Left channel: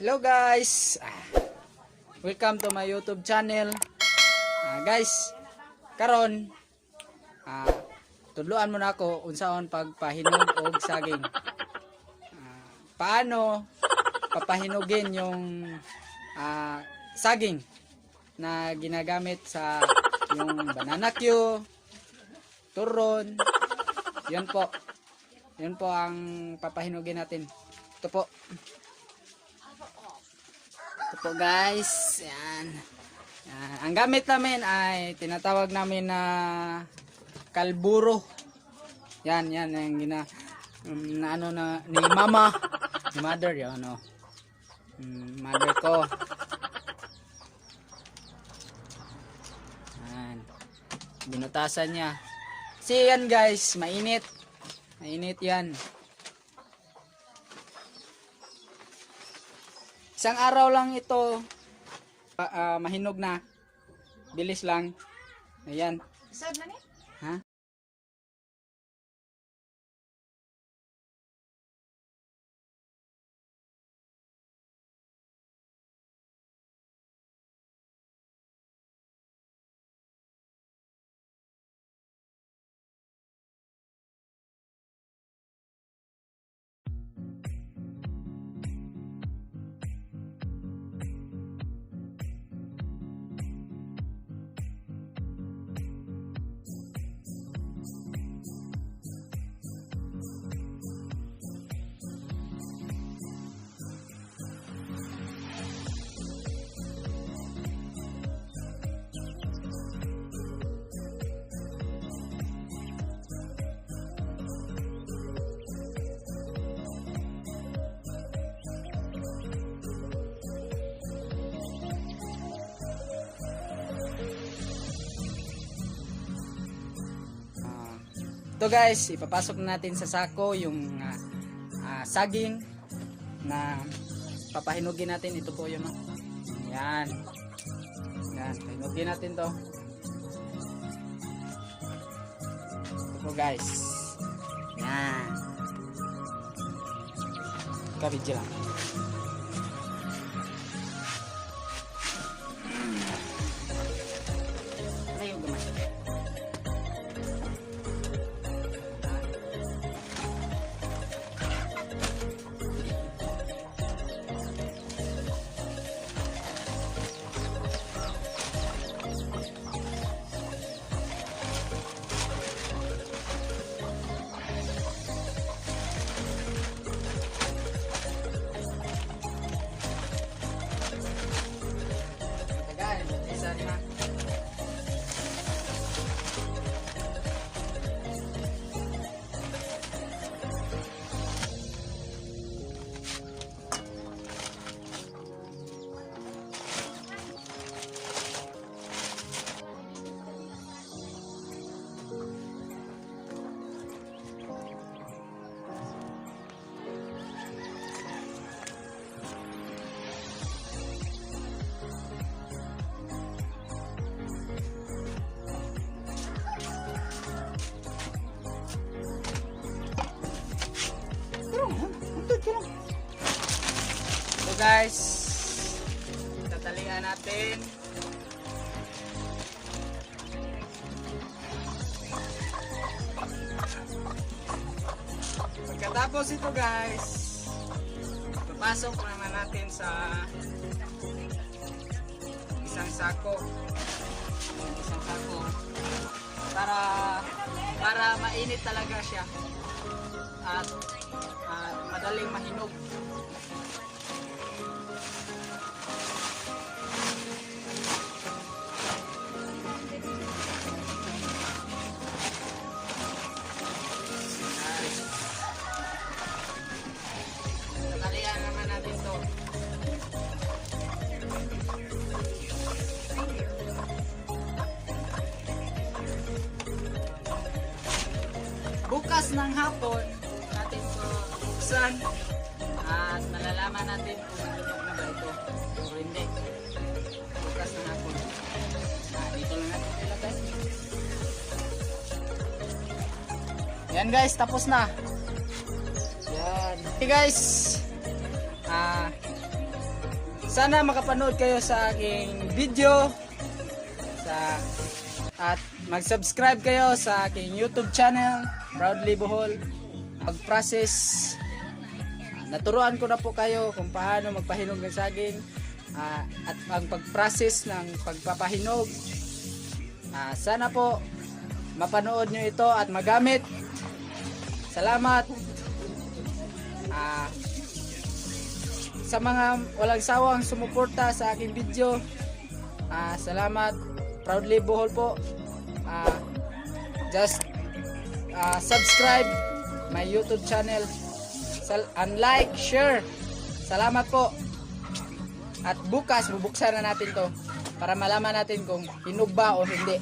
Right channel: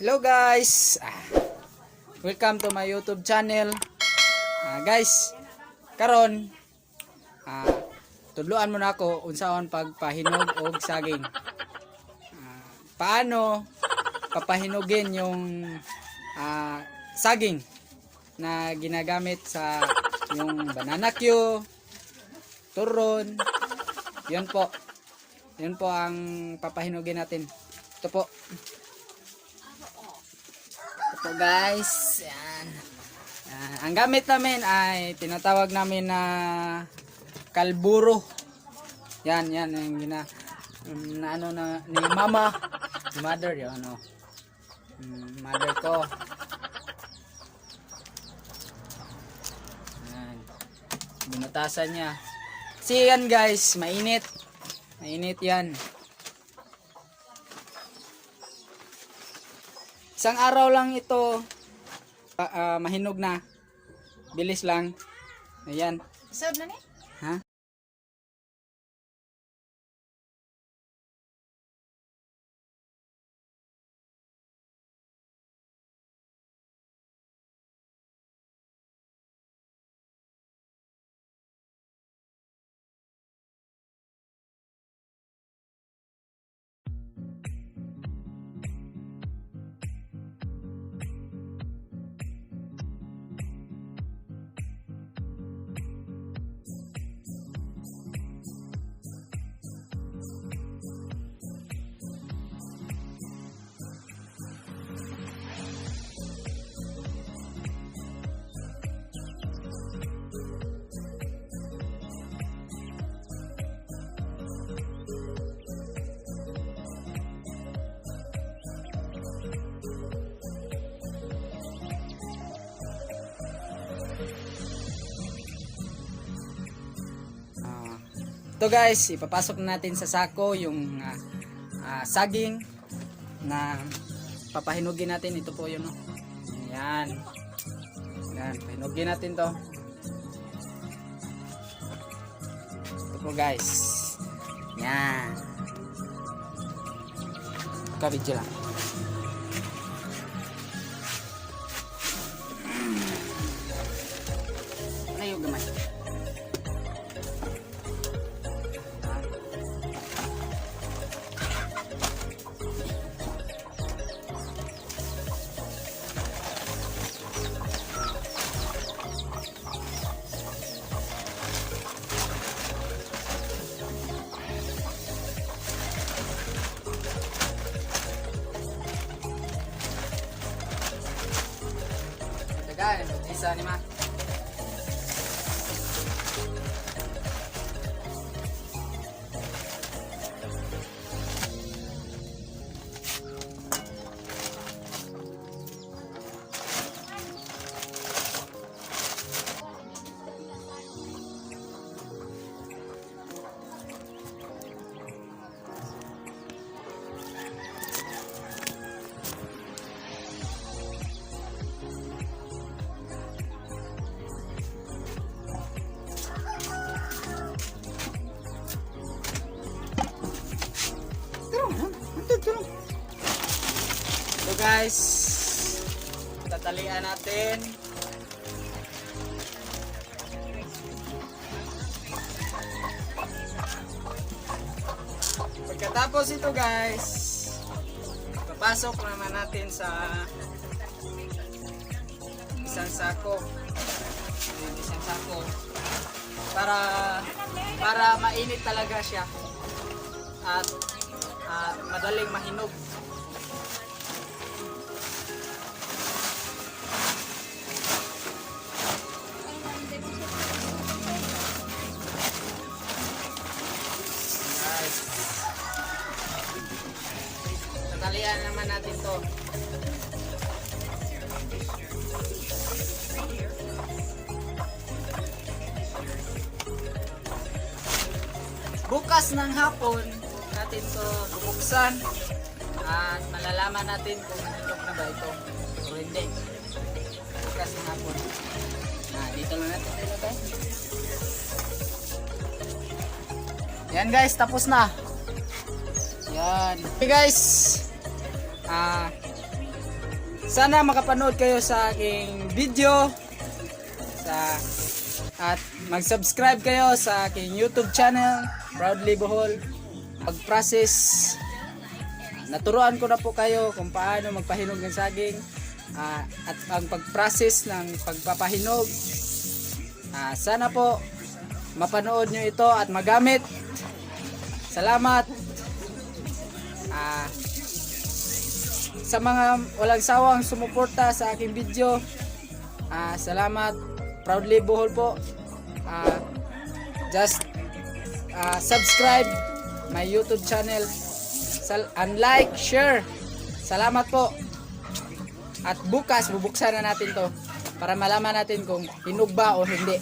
Hello guys! Ah, welcome to my YouTube channel. Ah, guys, karon ah, tudloan mo na ako unsaon pagpahinog og saging. Ah, paano papahinugin yung ah, saging na ginagamit sa yung banana cue, turon, yun po. Yun po ang papahinugin natin. Ito po. Po guys. Yan. Ah, ang gamit namin ay tinatawag namin na kalburo. Yan, yan yung gina na ano na ni mama, mother yun ano. Mm, mother ko. Yan. Binutasan niya. Kasi yan guys, mainit. Mainit yan. Isang araw lang ito pa- ah, mahinog na. Bilis lang. Ayan. Isod na ni? Ito guys, ipapasok na natin sa sako yung ah, ah, saging na papahinugin natin. Ito po yung yan. Yan, pahinugin natin to. Ito guys. Yan. Kabidyo lang. 在吗？Pagkatapos ito guys, papasok naman natin sa isang sako. Isang sako. Para para mainit talaga siya. At at madaling mahinog. Bukas ng hapon natin to bubuksan at malalaman natin kung hinog na ba ito o hindi. Bukas ng hapon. Ah, dito na natin. Yan guys, tapos na. Yan. Okay guys. Ah, sana makapanood kayo sa aking video sa at mag-subscribe kayo sa aking YouTube channel Proudly Bohol. Pag-process naturuan ko na po kayo kung paano magpahinog ng saging ah, at ang pag-process ng pagpapahinog. Ah, sana po mapanood nyo ito at magamit. Salamat. Ah, sa mga walang sawang sumuporta sa aking video ah, salamat proudly Bohol po. Ah, just ah, subscribe my youtube channel. Sal- and like, share. Salamat po. At bukas bubuksan na natin to para malaman natin kung hinog ba o hindi